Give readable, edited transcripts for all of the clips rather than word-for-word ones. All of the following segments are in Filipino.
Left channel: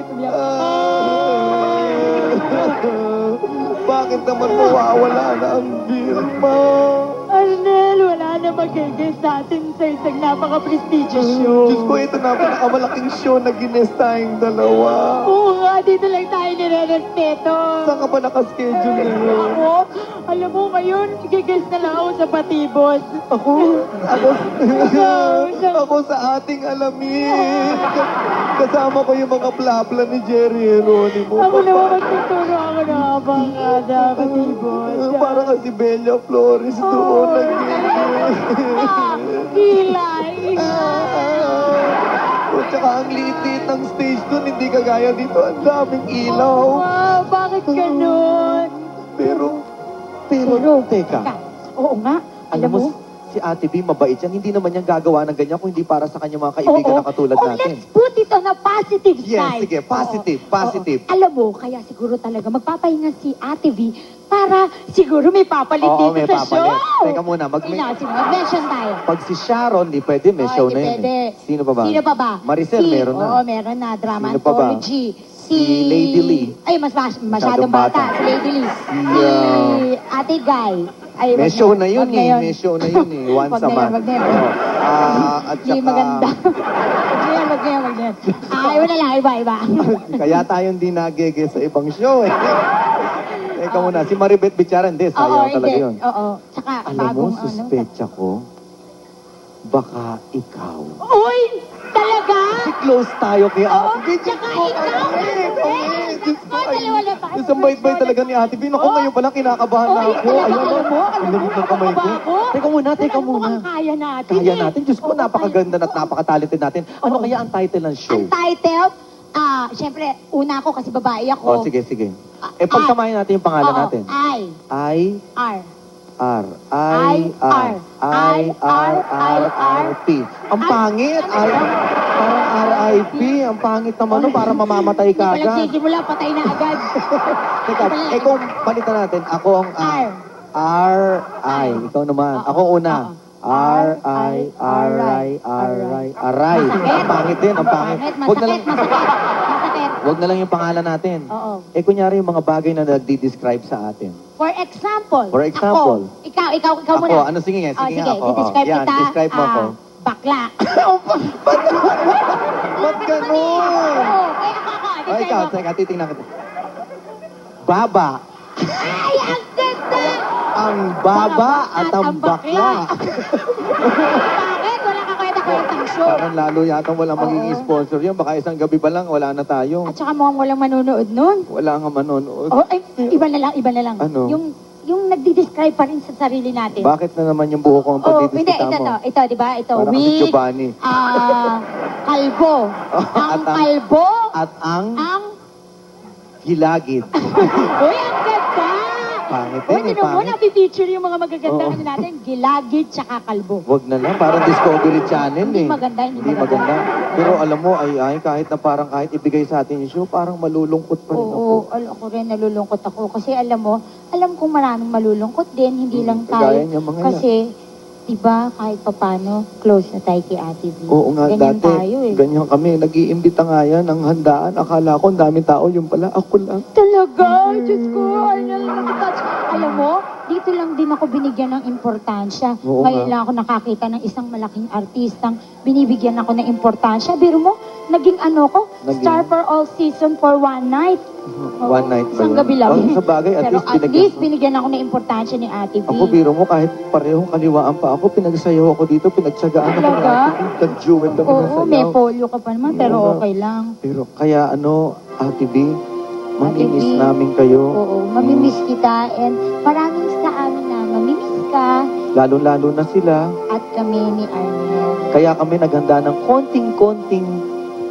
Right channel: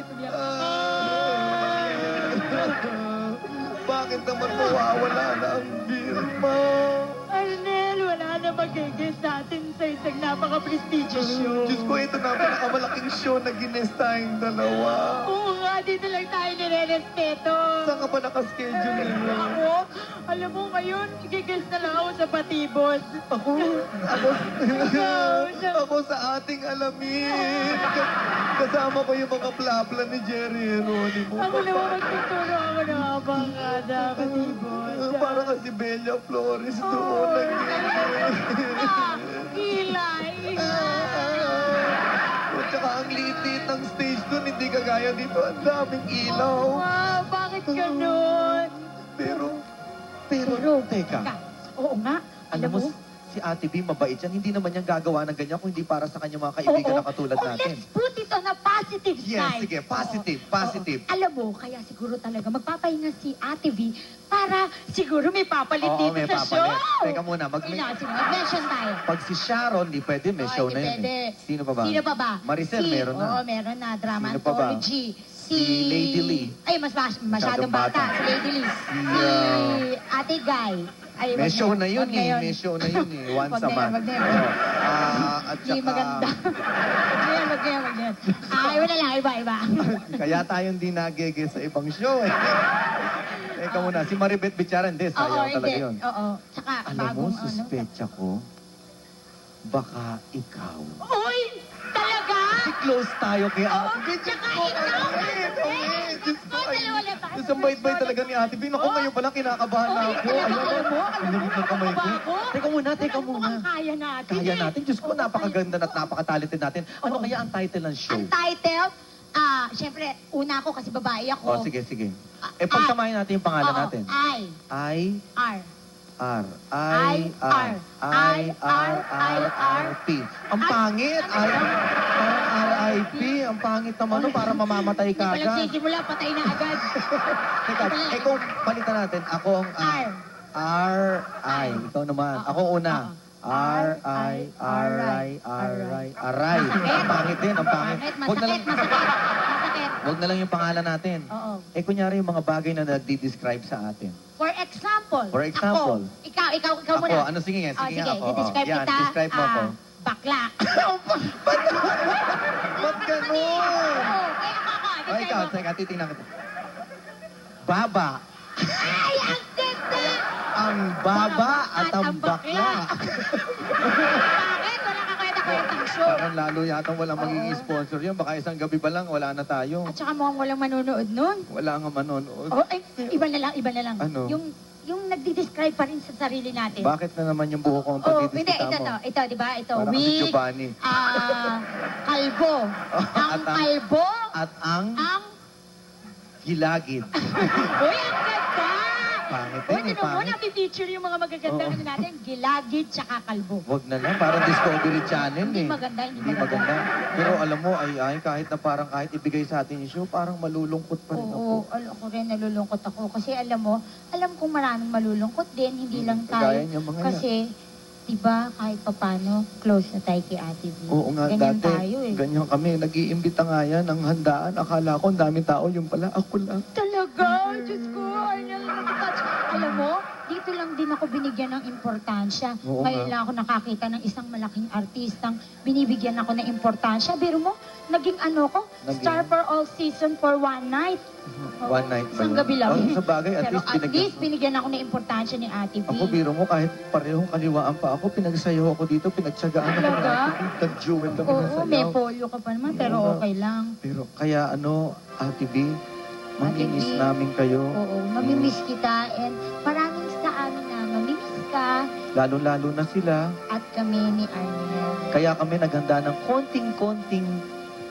Bakit umiyak? Bakit naman mawawala na ang Vilma? Arnel, wala na magiging sa atin sa isang napaka-prestigious show. Diyos ko, ito na pinakamalaking show na gines tayong dalawa. Oo nga, dito lang tayo nire-respeto. Saan ka ba nakaschedule ngayon? Alam mo, ngayon, igigils na lang ako sa Patibos. Ako sa ating alamin. Kasama ko yung mga plapla ni Jerry Heronimo. Ako naman magtuturo ako na abangada, Patibos. Para kasi Bella Flores doon Kilay. At saka ang liit ng stage doon, hindi kagaya dito. Ang daming ilaw. Wow, bakit ganun? Pero, teka. Oo nga, Alam mo, si Ate B, mabait yan. Hindi naman yan gagawa ng ganyan kung hindi para sa kanyang mga kaibigan na katulad natin. Let's put it on a positive Yes, side. sige, positive. Alam mo, kaya siguro talaga magpapahinga si Ate V para siguro may papalit Oo, dito may sa papalit. show. Teka muna, Mag-mention tayo. pag si Sharon, di pwede, may show na yun. Pwede. Sino pa ba? Sino pa ba? Maricel, meron na. Oo, meron na. Drama Sino pa ba? anthology. Si Lady Lee. Ay, masyadong bata. Si Lady Lee. Si Ate Guy. Ay, May wag show na na yun wag na eh. May show na yun eh. Once Wag a na month. wag na yun. Oo. At Hindi saka, maganda. Wag na yan. Ay, wala lang. Iba. kaya tayong di nagege sa ibang show eh. Teka muna, si Maribeth Bichara, hindi. Sayang talaga yun. Oo. Tsaka, Alam mo, bagong suspecha ko, baka ikaw. Uy! Talaga? Kasi close tayo kay Oo, Ate B. tsaka Diyos ko, ikaw. Diyos ko, Dalawa lang. Ang bait-bait talaga ni Ate B. Naku, Oo. ngayon palang kinakabahan na Oo, ako. talaga, Ayan alam mo, ang lamig ng kamay ko. nakakaba ako. Teka muna. Alam mo, ang kaya natin. Kaya eh. natin. Diyos ko, Oo, napakaganda at napaka-talented natin. Ano Oo. kaya ang title ng show? Ang title, syempre, una ako kasi babae ako. Oh, sige. Pagsamahin natin yung pangalan Oo, natin. I, R. I-R-I-R-I-R-R-P. Ang pangit. Parang R.I.P. Ang pangit naman nun, para mamamatay ka Hindi pa lang agad. sigimula, patay na agad. Teka, kung palitan natin, ako ang R.I. Ikaw naman. Oo. Ako una. R.I.R.I.R.I. Ang pangit din, ang pangit. Masakit. Wag na lang yung pangalan natin. Oo. Kunyari yung mga bagay na nagdi-describe sa atin. For example. For example. Ako. Ikaw Ako, muna. ano, sige nga, sige nga ako. Describe Yan, kita. describe mo ako. Bakla. Ba't ganun? Oo, kaya ako. Ay, ikaw, teka, titingnan kita. Baba. Ay, ang ganda! Ang baba at ang bakla. Bakit? Wala ka kwenta-kwentang show. Parang lalo yata walang magiging sponsor yun. Baka isang gabi pa lang, wala na tayo. At saka mukhang walang manonood nun. Wala nga manonood. Oh, ay, iba na lang. Ano? Yung nagdi-describe pa ring sa sarili natin. Bakit na naman yung buho ko ang Oh, hindi, pagdidiskita mo? ito, di ba? Ito, Parang si Giovanni. kalbo. Ang kalbo, At ang ang, gilagid. uy, ang ganda! Pangit Uy, din, tinan mo, pangit. napipicture yung mga magaganda Oo. ano natin. Gilagid, tsaka kalbo. Wag na lang, parang Discovery Channel eh. Hindi maganda. Pero alam mo, kahit na parang kahit ibigay sa atin yung show, parang malulungkot pa rin ako. Oo, ako rin nalulungkot ako. Kasi alam kong maraming malulungkot din, hindi lang tayo. kagaya niya, mga Kasi, diba, kahit papano, close na tayo kay Ate V. Oo nga, Ganyan dati, tayo eh. ganyan kami. Nag-iimbita nga yan ng handaan. Akala ko, ang daming tao. Yung pala, ako lang. Talaga? Diyos ko, Arnel, nakatouch. Alam mo, dito lang din ako binigyan ng importansya. Oo Ngayon nga. lang ako nakakita ng isang malaking artistang binibigyan ako ng importansya. Biro mo, naging star for all season for one night. One night ba Isang yun? gabi lang. Oh, sa bagay, at Pero least at least binigyan ako ng importansya ni Ate V. Ako, biro mo, kahit parehong kaliwaan pa ako, pinagsayaw ako dito, pinagtsagaan ako ng Talaga? ating nag-duet kami ng Oo, may sayaw. polio ka pa naman, pero Oo nga. okay lang. Pero kaya Ate B, mamimiss Ate B, namin kayo. Oo, mamimiss kita and maraming sa amin na mamimiss ka Lalo-lalo na sila. at kami ni Arnel. Kaya kami naghanda ng konting-konting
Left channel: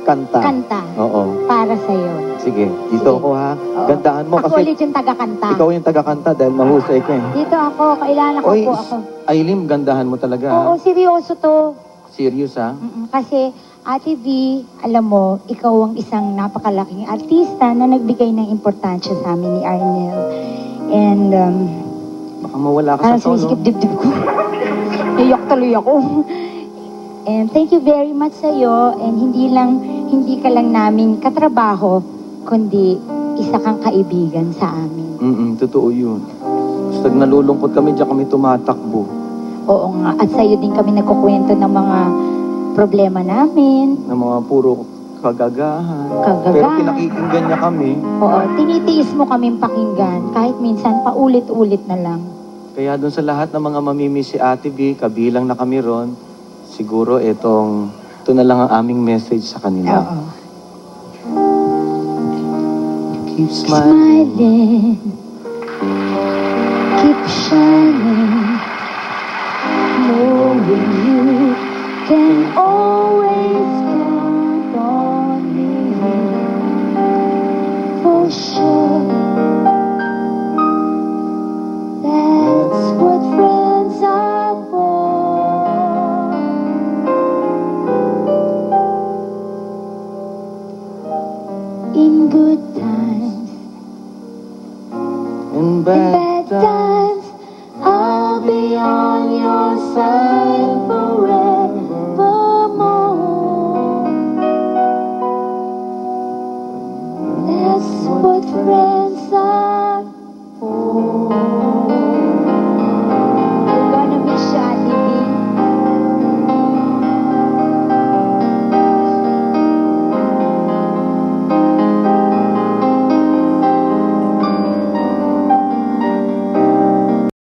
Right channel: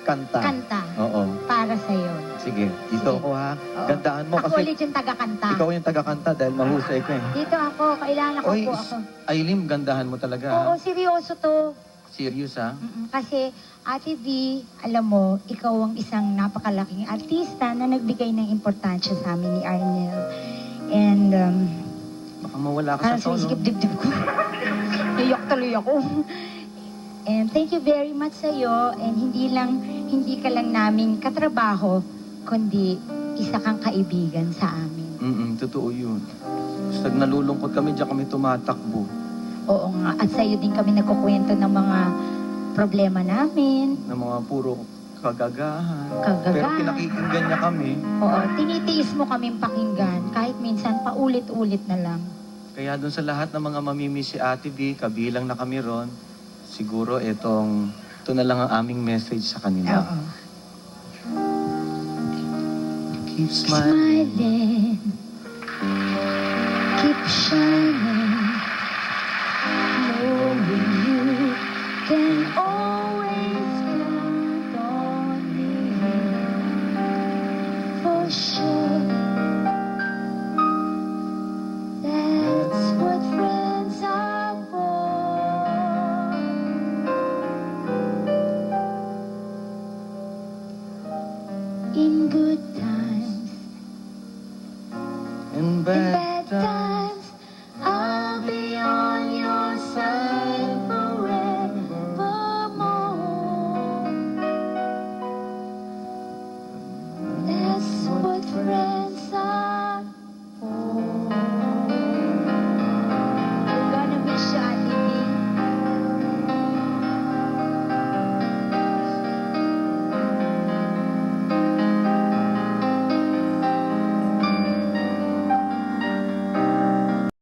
kanta. Kanta Oo. para sa'yo. Sige, dito Sige. ako ha. Oo. Gandaan mo Ako kasi ulit yung taga-kanta. ikaw yung taga-kanta dahil mahusay ka eh. Dito ako, kailangan ko Oy, po ako. Aileen, gandahan mo talaga Oo, ha. seryoso to. Serious ha. Kasi, Ate V, alam mo, ikaw ang isang napakalaking artista na nagbigay ng importansya sa amin ni Arnel. And, Baka mawala ka parang sa tono. sumisikip dibdib ko. Iyak tuloy ako. And thank you very much sa'yo. And hindi hindi ka lang namin katrabaho, kundi isa kang kaibigan sa amin. Totoo yun. Pag nalulungkot kami, diyan kami tumatakbo. Oo nga, at sa'yo din kami nagkukwento ng mga problema namin. Na mga puro kagagahan. Kagagahan. Pero pinakikinggan niya kami. Oo, tinitiis mo kaming pakinggan, kahit minsan paulit-ulit na lang. Kaya doon sa lahat ng mga mamimiss si Ate B, kabilang na kami ron, siguro ito na lang ang aming message sa kanila. Oo. Keep smiling. Smiling, keep shining, knowing you can always count on me for sure. That's what friends are for. In good times And bad